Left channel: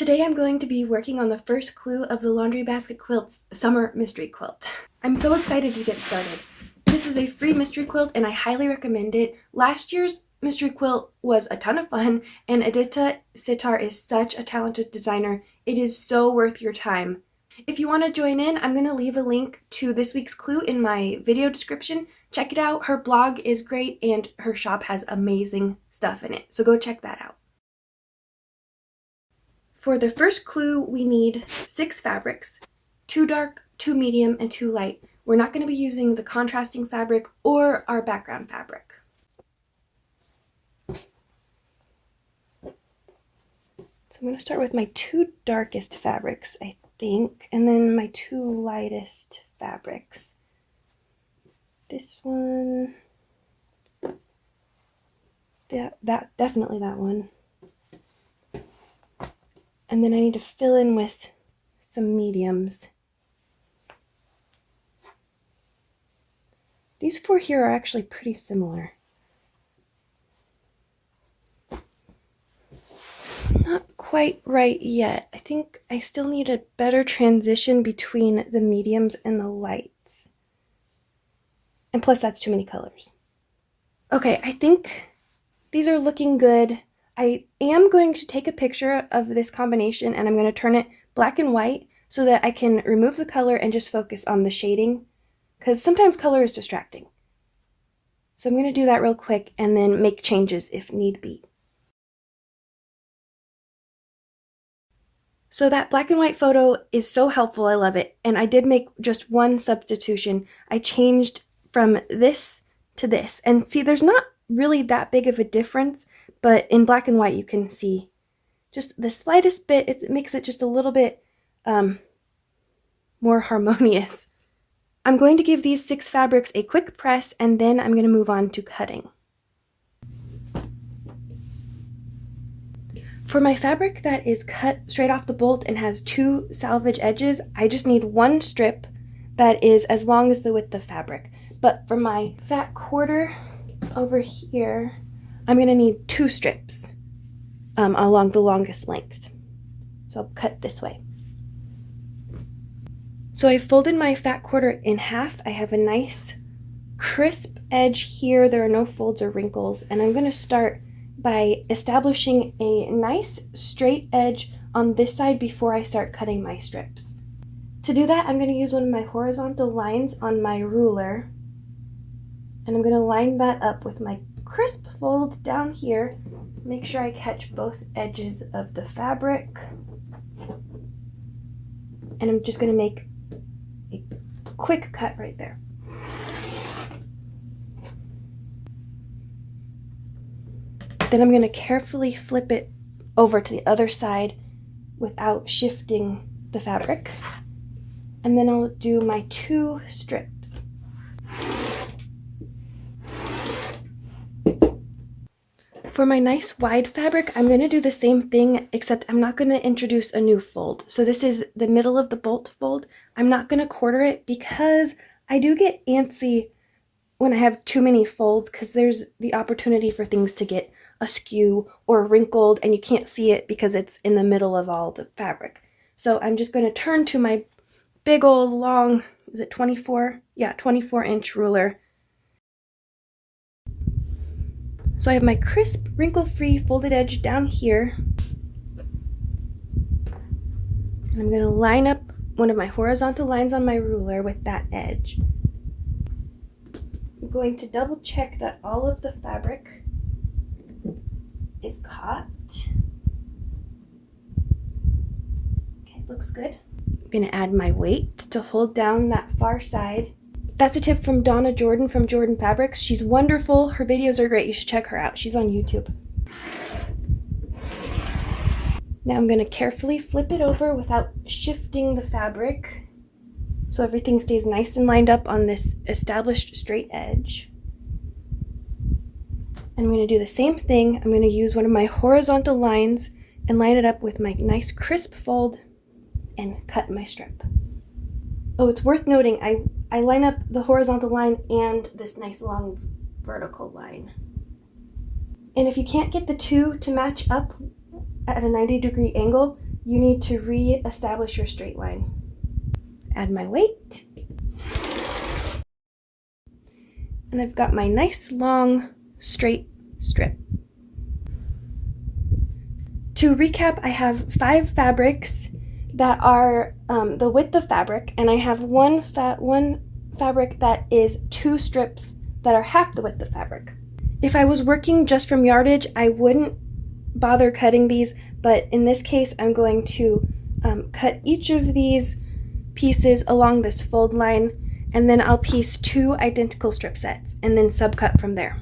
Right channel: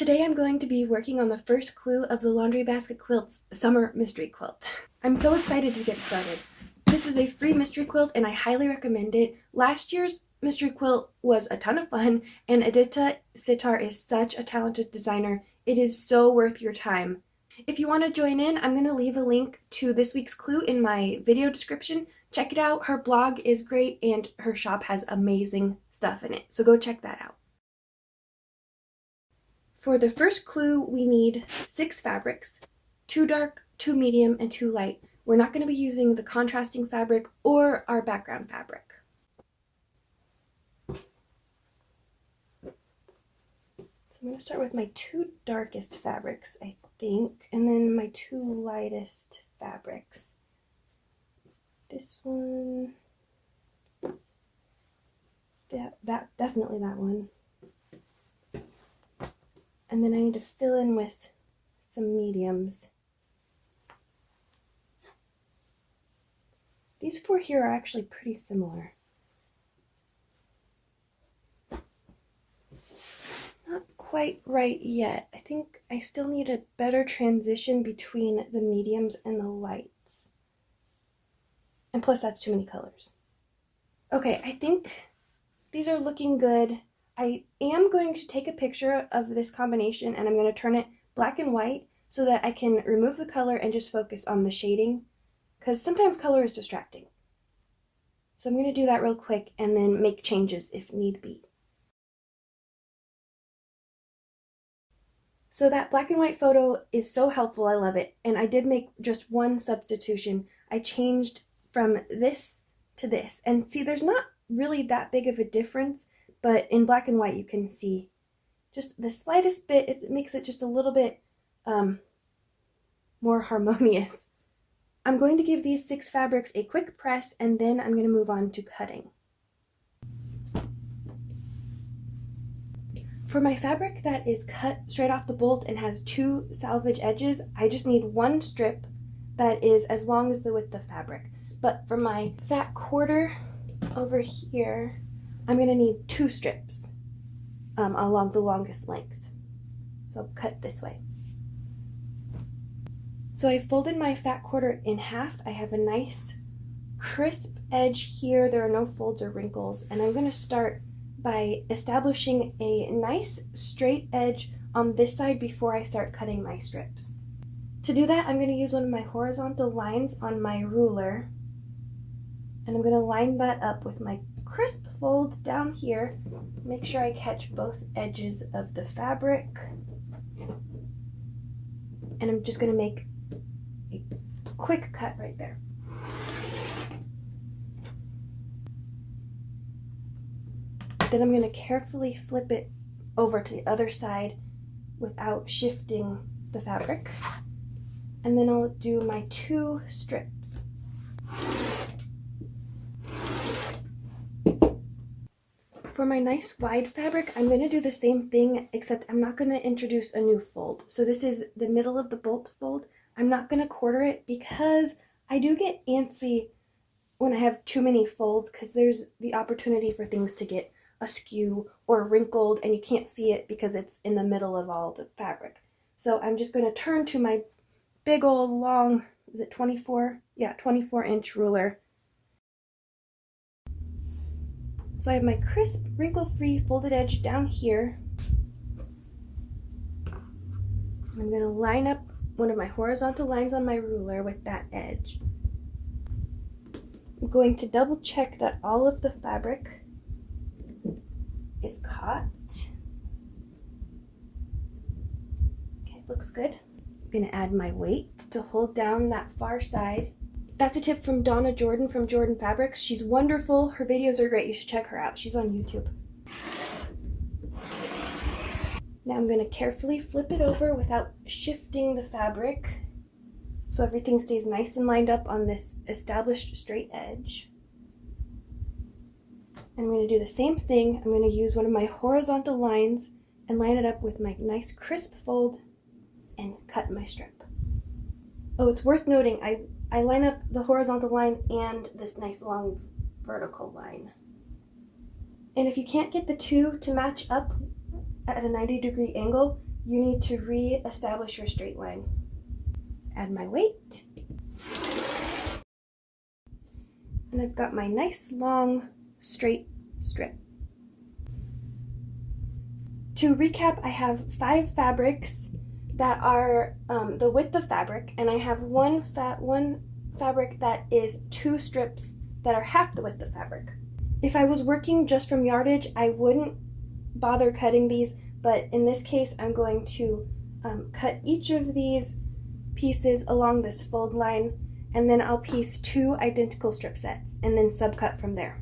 Today I'm going to be working on the first clue of the Laundry Basket Quilts Summer Mystery Quilt. I'm so excited to get started. This is a free mystery quilt and I highly recommend it. Last year's mystery quilt was a ton of fun and Adita Sitar is such a talented designer. It is so worth your time. If you want to join in, I'm going to leave a link to this week's clue in my video description. Check it out. Her blog is great and her shop has amazing stuff in it, so go check that out. For the first clue, we need 6 fabrics, 2 dark, 2 medium, and 2 light. We're not going to be using the contrasting fabric or our background fabric. So I'm going to start with my 2 darkest fabrics, I think, and then my 2 lightest fabrics. This one, definitely that one. And then I need to fill in with some mediums. These 4 here are actually pretty similar. Not quite right yet. I think I still need a better transition between the mediums and the lights. And plus that's too many colors. Okay, I think these are looking good. I am going to take a picture of this combination and I'm going to turn it black and white so that I can remove the color and just focus on the shading, because sometimes color is distracting. So I'm going to do that real quick and then make changes if need be. So that black and white photo is so helpful, I love it. And I did make just one substitution. I changed from this to this. And see, there's not really that big of a difference, but in black and white you can see just the slightest bit. It makes it just a little bit more harmonious. I'm going to give these 6 fabrics a quick press and then I'm going to move on to cutting. For my fabric that is cut straight off the bolt and has 2 salvage edges, I just need 1 strip that is as long as the width of fabric. But for my fat quarter over here, I'm going to need 2 strips along the longest length. So I'll cut this way. So I folded my fat quarter in half. I have a nice crisp edge here. There are no folds or wrinkles. And I'm going to start by establishing a nice straight edge on this side before I start cutting my strips. To do that, I'm going to use one of my horizontal lines on my ruler. And I'm going to line that up with my crisp fold down here. Make sure I catch both edges of the fabric. And I'm just going to make a quick cut right there. Then I'm going to carefully flip it over to the other side without shifting the fabric. And then I'll do my 2 strips. For my nice wide fabric, I'm going to do the same thing, except I'm not going to introduce a new fold. So this is the middle of the bolt fold. I'm not going to quarter it because I do get antsy when I have too many folds, because there's the opportunity for things to get askew or wrinkled and you can't see it because it's in the middle of all the fabric. So I'm just going to turn to my big old long, is it 24? Yeah, 24-inch ruler. So I have my crisp, wrinkle-free folded edge down here. I'm going to line up one of my horizontal lines on my ruler with that edge. I'm going to double check that all of the fabric is caught. Okay, looks good. I'm going to add my weight to hold down that far side. That's a tip from Donna Jordan from Jordan Fabrics. She's wonderful. Her videos are great. You should check her out. She's on YouTube. Now I'm going to carefully flip it over without shifting the fabric so everything stays nice and lined up on this established straight edge. And I'm going to do the same thing. I'm going to use one of my horizontal lines and line it up with my nice crisp fold and cut my strip. Oh, it's worth noting, I line up the horizontal line and this nice long vertical line. And if you can't get the 2 to match up at a 90-degree angle, you need to re-establish your straight line. Add my weight. And I've got my nice long straight strip. To recap, I have 5 fabrics that are the width of fabric, and I have one fabric that is 2 strips that are half the width of fabric. If I was working just from yardage, I wouldn't bother cutting these, but in this case, I'm going to cut each of these pieces along this fold line, and then I'll piece 2 identical strip sets and then subcut from there.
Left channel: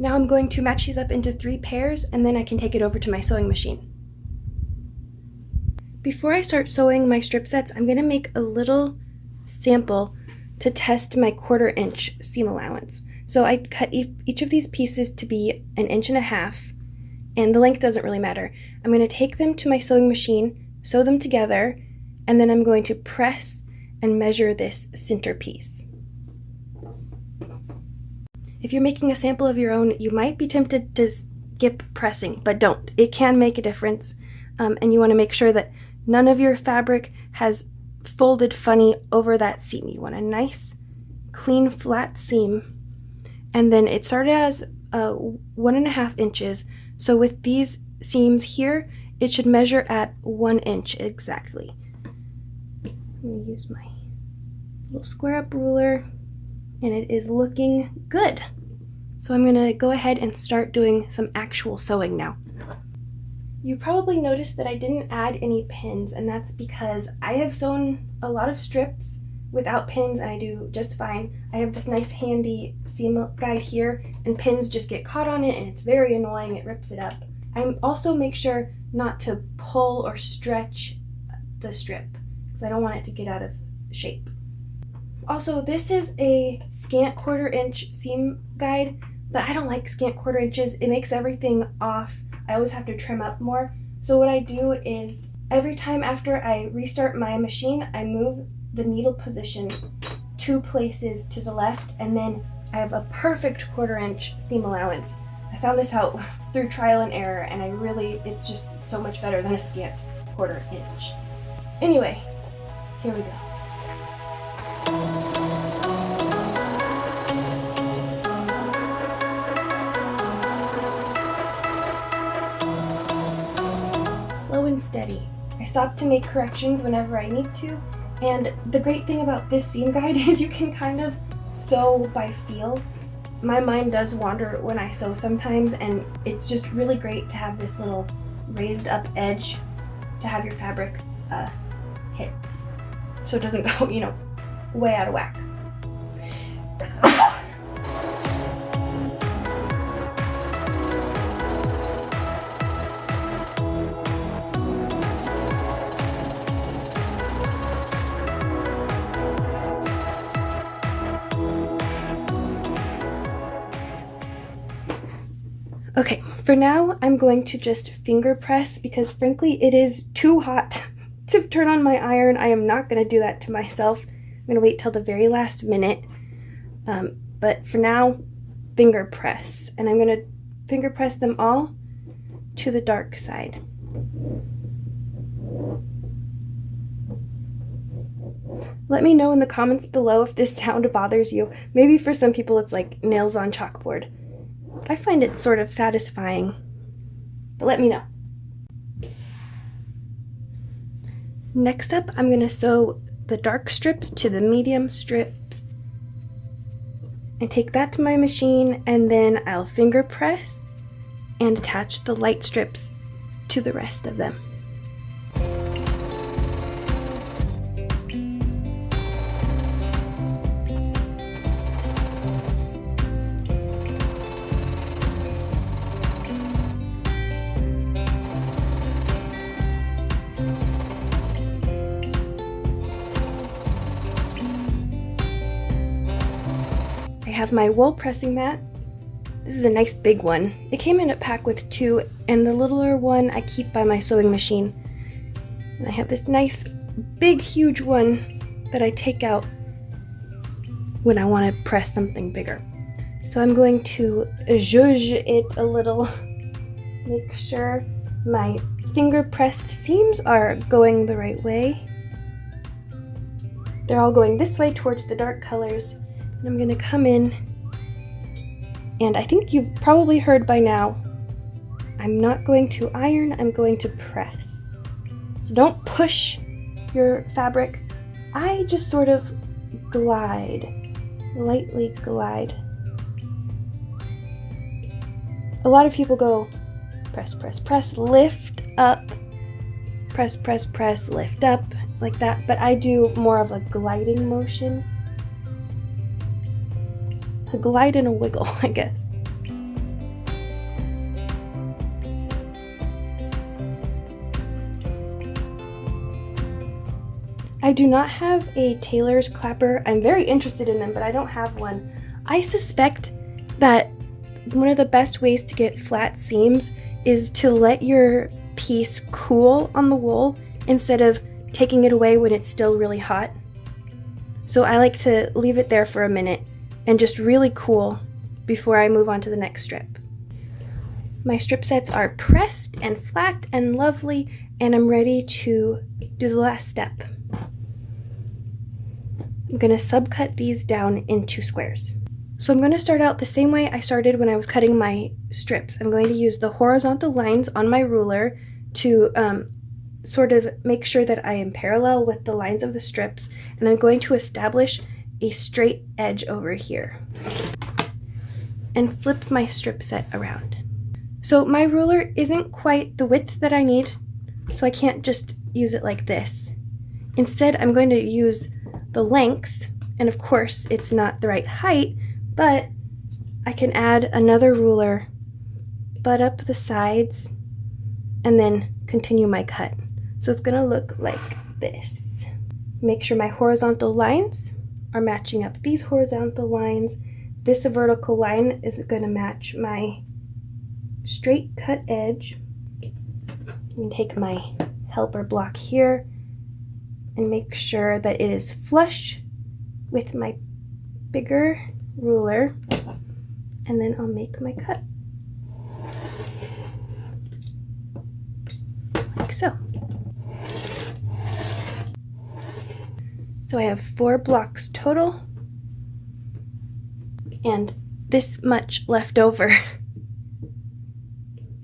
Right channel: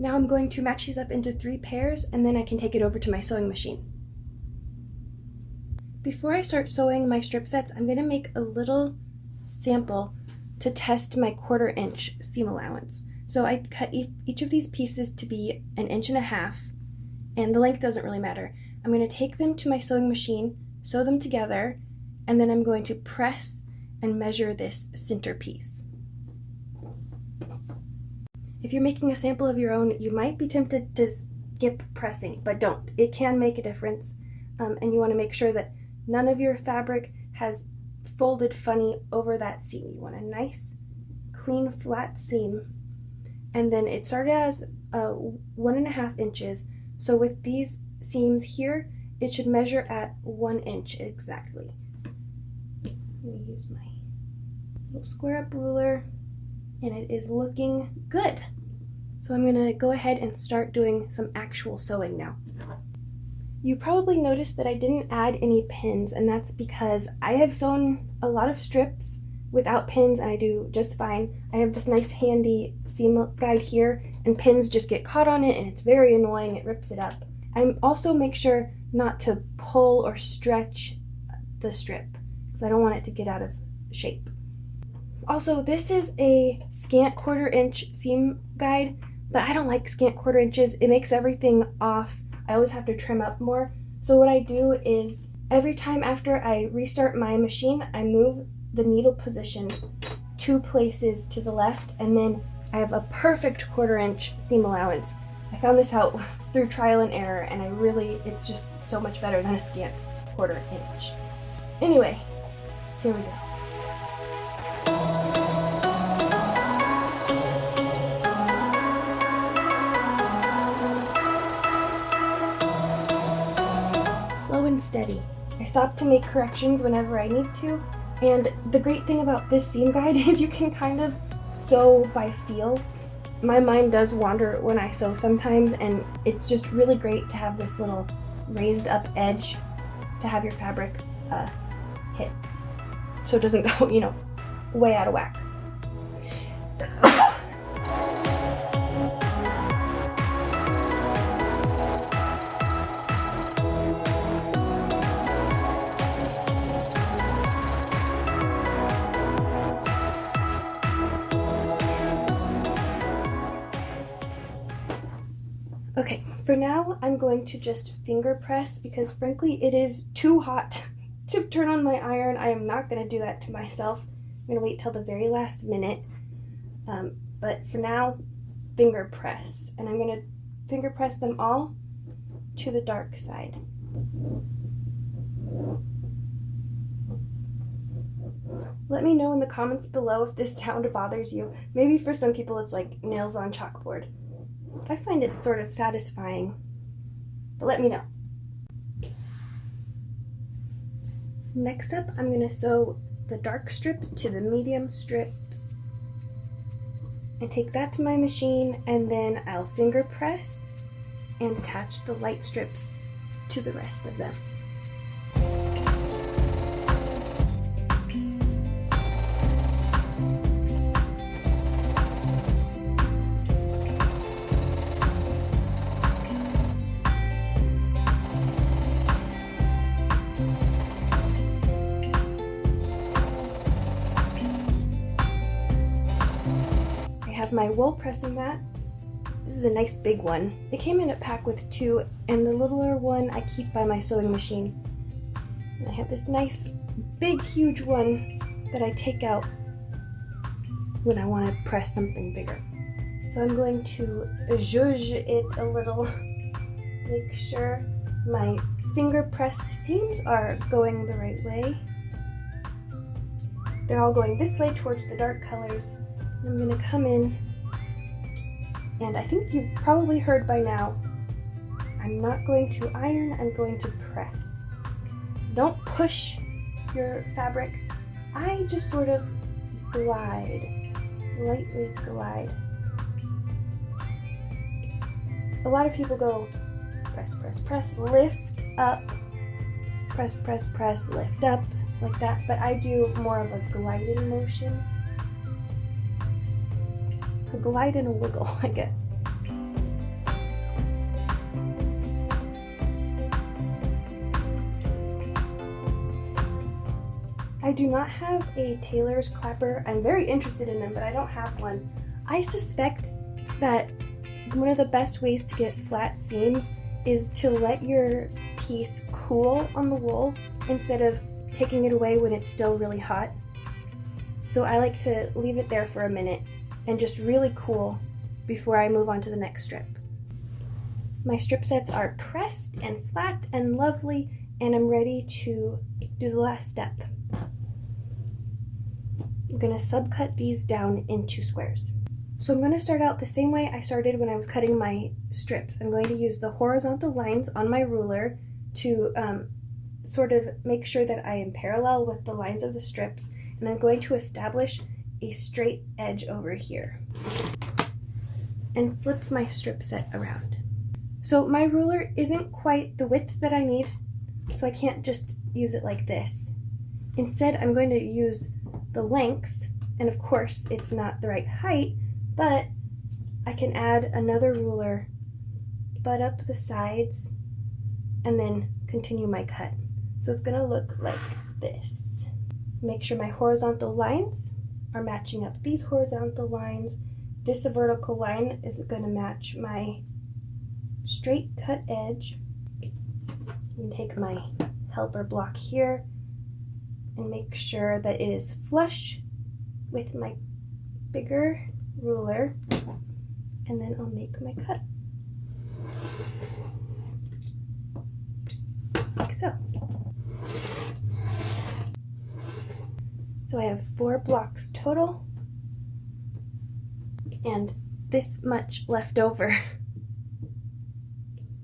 Now I'm going to match these up into 3 pairs, and then I can take it over to my sewing machine. Before I start sewing my strip sets, I'm going to make a little sample to test my 1/4 inch seam allowance. So I cut each of these pieces to be 1.5 inches, and the length doesn't really matter. I'm going to take them to my sewing machine, sew them together, and then I'm going to press and measure this center piece. If you're making a sample of your own, you might be tempted to skip pressing, but don't. It can make a difference, and you want to make sure that none of your fabric has folded funny over that seam. You want a nice, clean, flat seam, and then it started as 1.5 inches, so with these seams here, it should measure at 1 inch exactly. Let me use my little square up ruler, and it is looking good. So I'm gonna go ahead and start doing some actual sewing now. You probably noticed that I didn't add any pins, and that's because I have sewn a lot of strips without pins and I do just fine. I have this nice handy seam guide here, and pins just get caught on it and it's very annoying, it rips it up. I also make sure not to pull or stretch the strip because I don't want it to get out of shape. Also, this is a scant 1/4 inch seam guide, but I don't like scant 1/4 inches. It makes everything off. I always have to trim up more. So what I do is every time after I restart my machine, I move the needle position 2 places to the left, and then I have a perfect 1/4 inch seam allowance. I found this out through trial and error, and it's just so much better than a scant 1/4 inch. Anyway, here we go. Slow and steady. I stop to make corrections whenever I need to, and the great thing about this seam guide is you can kind of sew by feel. My mind does wander when I sew sometimes, and it's just really great to have this little raised up edge to have your fabric hit so it doesn't go, way out of whack. Okay, for now I'm going to just finger press because frankly it is too hot to turn on my iron. I am not going to do that to myself. I'm going to wait till the very last minute. But for now, finger press. And I'm going to finger press them all to the dark side. Let me know in the comments below if this sound bothers you. Maybe for some people it's like nails on chalkboard. I find it sort of satisfying, but let me know. Next up, I'm going to sew the dark strips to the medium strips. I take that to my machine, and then I'll finger press and attach the light strips to the rest of them. I have my wool pressing mat. This is a nice big one. It came in a pack with 2, and the littler one I keep by my sewing machine. And I have this nice big huge one that I take out when I want to press something bigger. So I'm going to zhuzh it a little, make sure my finger pressed seams are going the right way. They're all going this way towards the dark colors. And I'm going to come in, and I think you've probably heard by now, I'm not going to iron, I'm going to press. So don't push your fabric. I just sort of glide, lightly glide. A lot of people go press, press, press, lift up, press, press, press, lift up, like that, but I do more of a gliding motion. A glide and a wiggle, I guess. I do not have a tailor's clapper. I'm very interested in them, but I don't have one. I suspect that one of the best ways to get flat seams is to let your piece cool on the wool instead of taking it away when it's still really hot. So I like to leave it there for a minute and just really cool before I move on to the next strip. My strip sets are pressed and flat and lovely, and I'm ready to do the last step. I'm going to subcut these down into squares. So I'm going to start out the same way I started when I was cutting my strips. I'm going to use the horizontal lines on my ruler to sort of make sure that I am parallel with the lines of the strips, and I'm going to establish a straight edge over here and flip my strip set around. So my ruler isn't quite the width that I need, so I can't just use it like this. Instead, I'm going to use the length, and of course it's not the right height, but I can add another ruler, butt up the sides, and then continue my cut. So it's gonna look like this. Make sure my horizontal lines are matching up these horizontal lines. This vertical line is gonna match my straight cut edge. I'm gonna take my helper block here and make sure that it is flush with my bigger ruler, and then I'll make my cut. Like so. So I have 4 blocks total, and this much left over.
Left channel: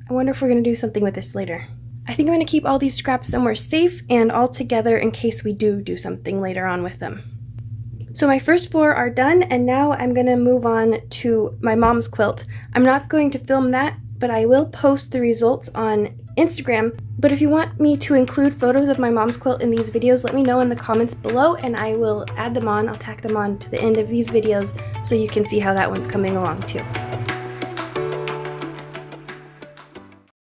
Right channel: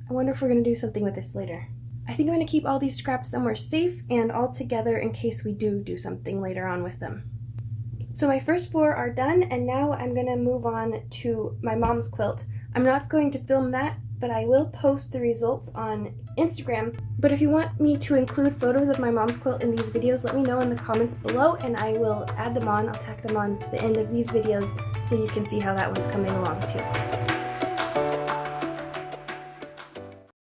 I wonder if we're going to do something with this later. I think I'm going to keep all these scraps somewhere safe and all together in case we do something later on with them. So my first 4 are done, and now I'm going to move on to my mom's quilt. I'm not going to film that, but I will post the results on Instagram. But if you want me to include photos of my mom's quilt in these videos, let me know in the comments below, and I will add them on. I'll tack them on to the end of these videos so you can see how that one's coming along too.